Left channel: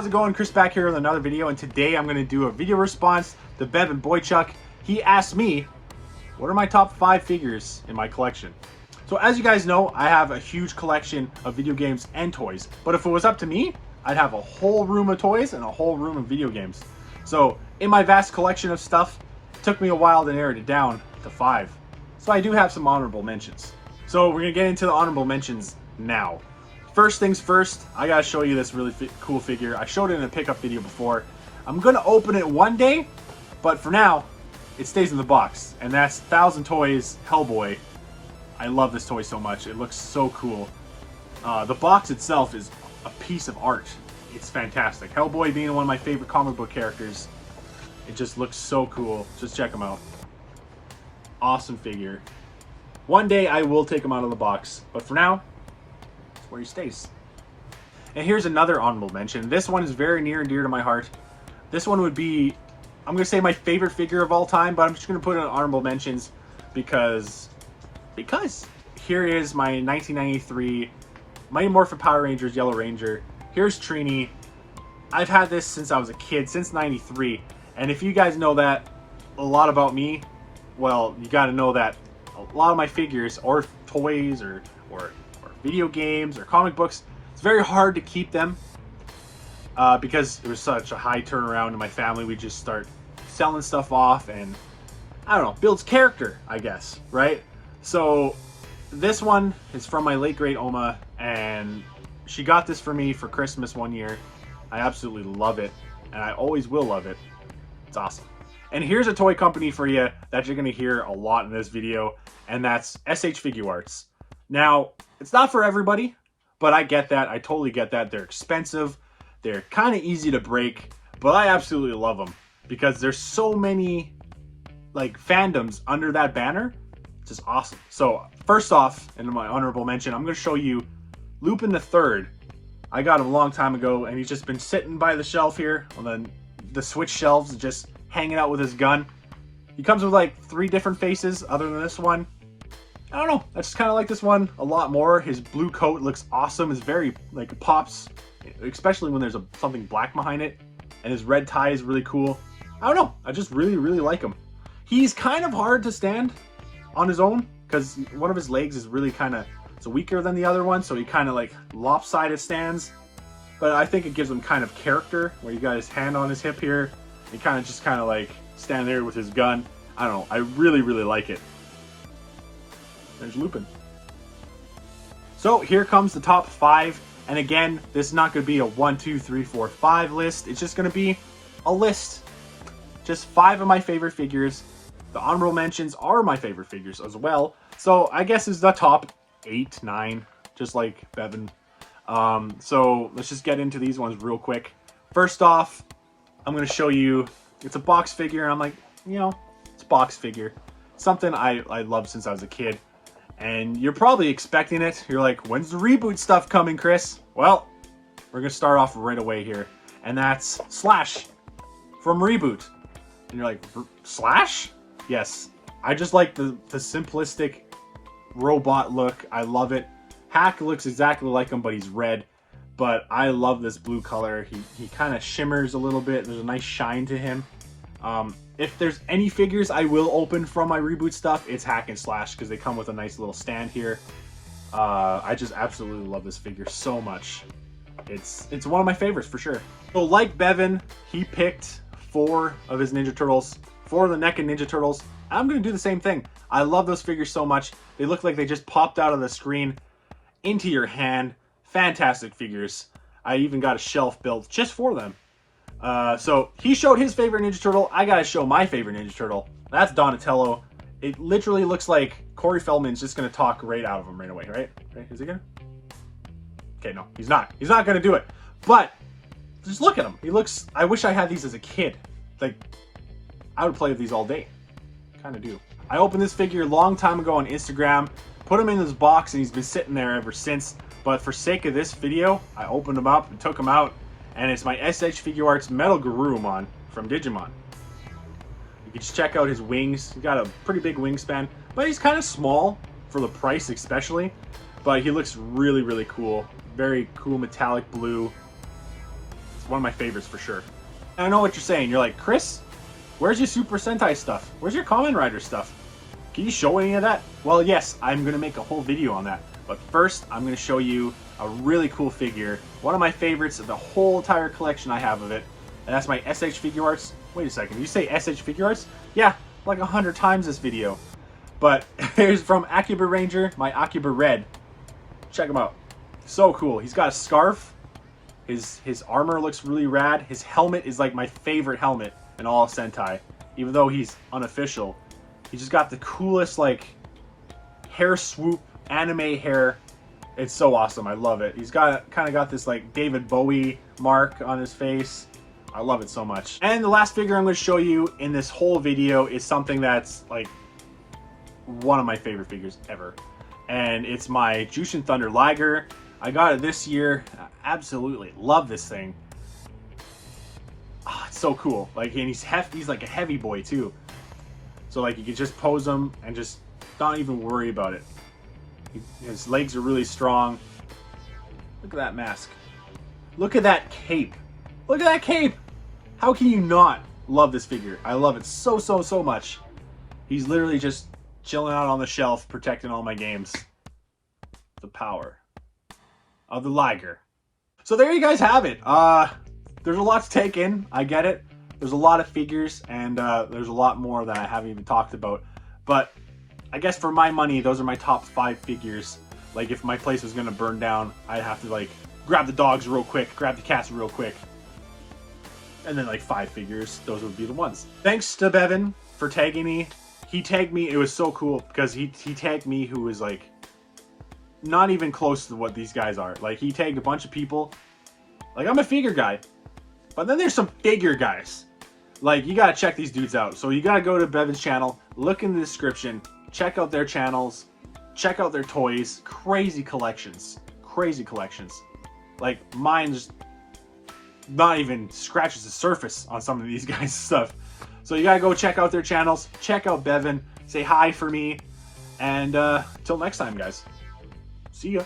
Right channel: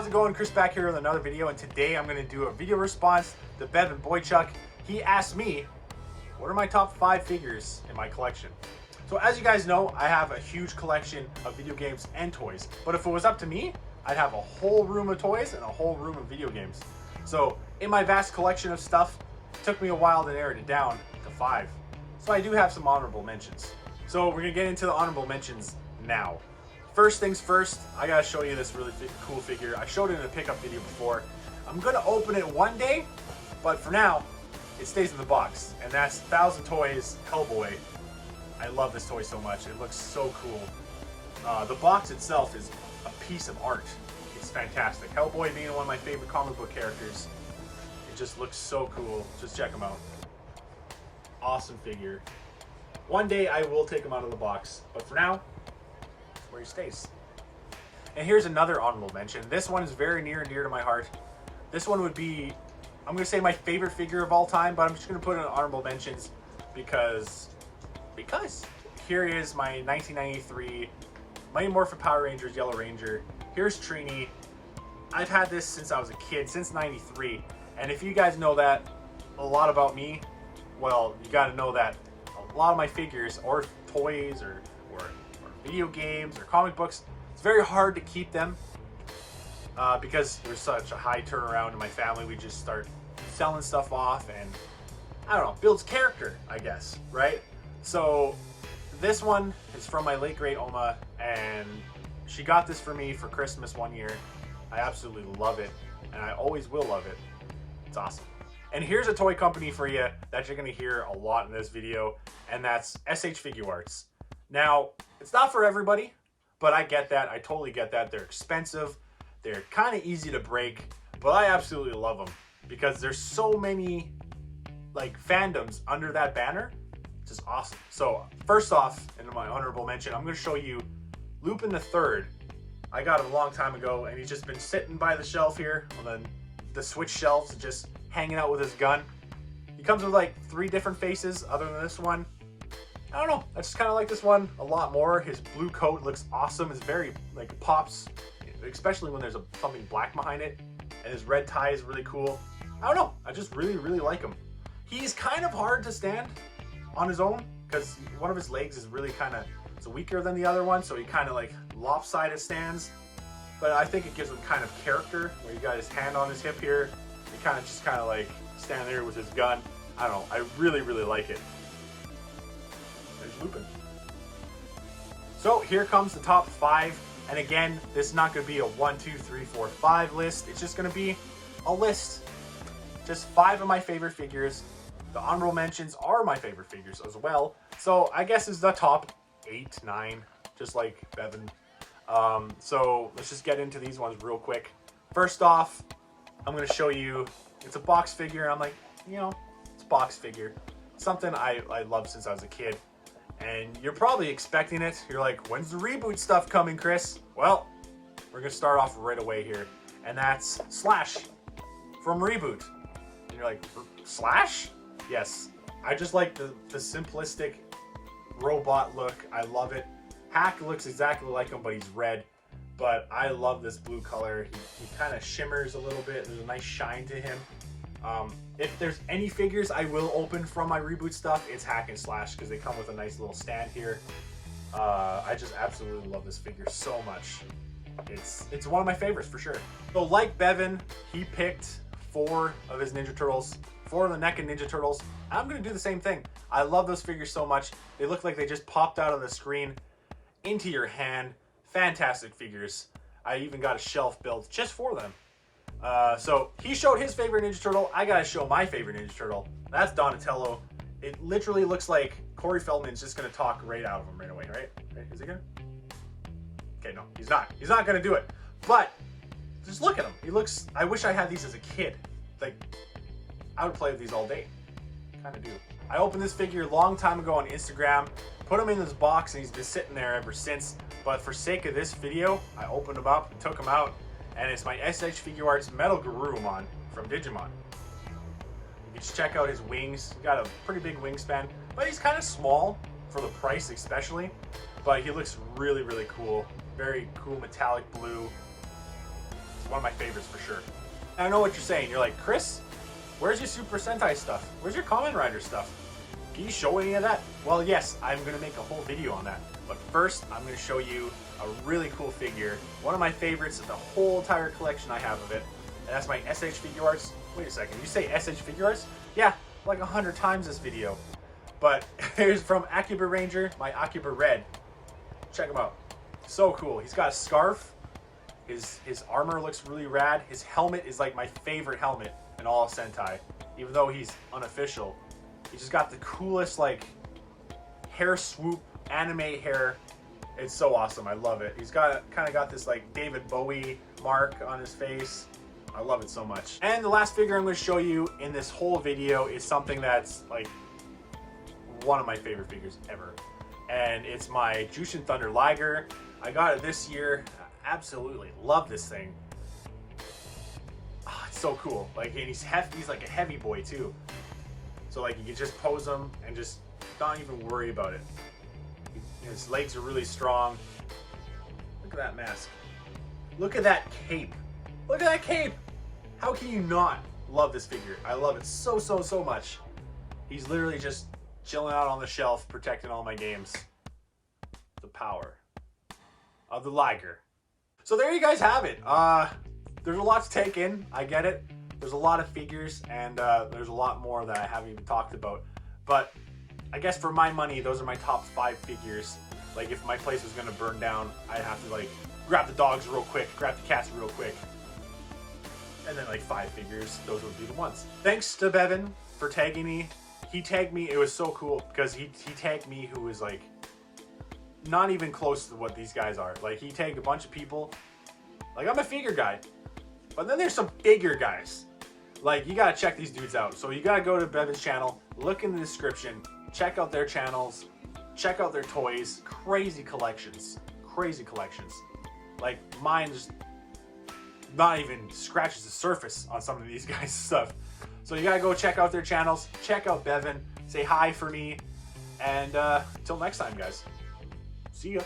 how's it going? Chris back here with another video, and today I'm going to do a video response to Bevan Boychuk. He asked me, what are my top 5 figures in my collection? So as you guys know, I have a huge collection of video games and toys, but if it was up to me, I'd have a whole room of toys and a whole room of video games. So in my vast collection of stuff, it took me a while to narrow it down to 5. So I do have some honorable mentions. So we're going to get into the honorable mentions now. First things first, I gotta show you this really cool figure. I showed it in a pickup video before. I'm gonna open it one day, but for now, it stays in the box. And that's 1000 Toys Hellboy. I love this toy so much. It looks so cool. The box itself is a piece of art. It's fantastic. Hellboy being one of my favorite comic book characters. It just looks so cool. Just check him out. Awesome figure. One day I will take him out of the box, but for now, where he stays. And here's another honorable mention. This one is very near and dear to my heart. This one would be, I'm gonna say my favorite figure of all time, but I'm just gonna put it in honorable mentions because here is my 1993 Mighty Morphin Power Rangers Yellow Ranger. Here's Trini. I've had this since I was a kid, since 93. And if you guys know that a lot about me, well, you gotta know that a lot of my figures or toys or video games or comic books, it's very hard to keep them because there was such a high turnaround in my family. We just start selling stuff off, and I don't know, builds character, I guess, right? So this one is from my late great Oma, and she got this for me for Christmas one year. I absolutely love it, and I always will love it. It's awesome. And here's a toy company for you that you're gonna hear a lot in this video, and that's SH Figuarts. Now, it's not for everybody, but I get that. I totally get that. They're expensive. They're kind of easy to break, but I absolutely love them because there's so many like fandoms under that banner. It's just awesome. So first off, in my honorable mention, I'm going to show you Lupin III. I got him a long time ago, and he's just been sitting by the shelf here on the Switch shelves, just hanging out with his gun. He comes with like 3 different faces other than this one. I don't know, I just kind of like this one a lot more. His blue coat looks awesome. It's very, like, pops, especially when there's something black behind it. And his red tie is really cool. I don't know, I just really, really like him. He's kind of hard to stand on his own because one of his legs is really kind of, it's weaker than the other one, so he kind of like lopsided stands. But I think it gives him kind of character, where you got his hand on his hip here. He kind of like stand there with his gun. I don't know, I really, really like it. There's Lupin. So here comes the top 5, and again, this is not going to be a 1, 2, 3, 4, 5 list. It's just going to be a list. Just 5 of my favorite figures. The honorable mentions are my favorite figures as well. So I guess it's the top 8, 9, just like Bevan. So let's just get into these ones real quick. First off, I'm going to show you, it's a box figure. I'm like, you know, it's a box figure. Something I loved since I was a kid. And you're probably expecting it. You're like, when's the reboot stuff coming, Chris? Well, we're going to start off right away here. And that's Slash from Reboot. And you're like, Slash? Yes. I just like the simplistic robot look. I love it. Hack looks exactly like him, but he's red. But I love this blue color. He kind of shimmers a little bit. There's a nice shine to him. If there's any figures I will open from my Reboot stuff, it's Hack and Slash, because they come with a nice little stand here. I just absolutely love this figure so much. It's one of my favorites for sure. So like Bevan, he picked 4 of his Ninja Turtles, 4 of the NECA Ninja Turtles. I'm going to do the same thing. I love those figures so much. They look like they just popped out of the screen into your hand. Fantastic figures. I even got a shelf built just for them. So he showed his favorite Ninja Turtle. I gotta show my favorite Ninja Turtle. That's Donatello. It literally looks like Corey Feldman's just gonna talk right out of him right away, right? Is he gonna? Okay, no, he's not. He's not gonna do it. But just look at him. He looks, I wish I had these as a kid. Like, I would play with these all day. Kind of do. I opened this figure a long time ago on Instagram, put him in this box, and he's been sitting there ever since. But for sake of this video, I opened him up and took him out. And it's my SH Figuarts Metal Garurumon from Digimon. You can just check out his wings. He's got a pretty big wingspan, but he's kind of small for the price especially. But he looks really, really cool. Very cool metallic blue. one of my favorites for sure. And I know what you're saying. You're like, Chris, where's your Super Sentai stuff? Where's your Kamen Rider stuff? Can you show any of that? Well, yes, I'm going to make a whole video on that. But first, I'm going to show you a really cool figure. One of my favorites of the whole entire collection I have of it. And that's my SH Figure Arts. Wait a second, you say SH Figure Arts? Yeah, like 100 times this video. But here's from Akiba Ranger, my Akiba Red. Check him out. So cool. He's got a scarf. His armor looks really rad. His helmet is like my favorite helmet in all of Sentai. Even though he's unofficial. He just got the coolest like hair swoop, anime hair. It's so awesome. I love it. He's got kind of got this like David Bowie mark on his face. I love it so much. And the last figure I'm going to show you in this whole video is something that's like one of my favorite figures ever. And it's my Jushin Thunder Liger. I got it this year. I absolutely love this thing. Oh, it's so cool. Like, and he's hefty. He's like a heavy boy too. So like you can just pose him and just not even worry about it. His legs are really strong. Look at that mask. Look at that cape. Look at that cape. How can you not love this figure? I love it so much. He's literally just chilling out on the shelf, protecting all my games. The power of the Liger. So there you guys have it. There's a lot to take in. I get it. There's a lot of figures, and there's a lot more that I haven't even talked about. But I guess for my money, those are my top 5 figures. Like if my place was gonna burn down, I'd have to like grab the dogs real quick, grab the cats real quick. And then like 5 figures, those would be the ones. Thanks to Bevan for tagging me. He tagged me, it was so cool because he tagged me who was like not even close to what these guys are. Like he tagged a bunch of people. Like I'm a figure guy, but then there's some figure guys. Like you gotta check these dudes out. So you gotta go to Bevan's channel, look in the description, check out their channels, check out their toys. Crazy collections. Crazy collections. Like mine's not even scratches the surface on some of these guys' stuff. So you gotta go check out their channels, check out Bevan, say hi for me, and till next time, guys. See ya.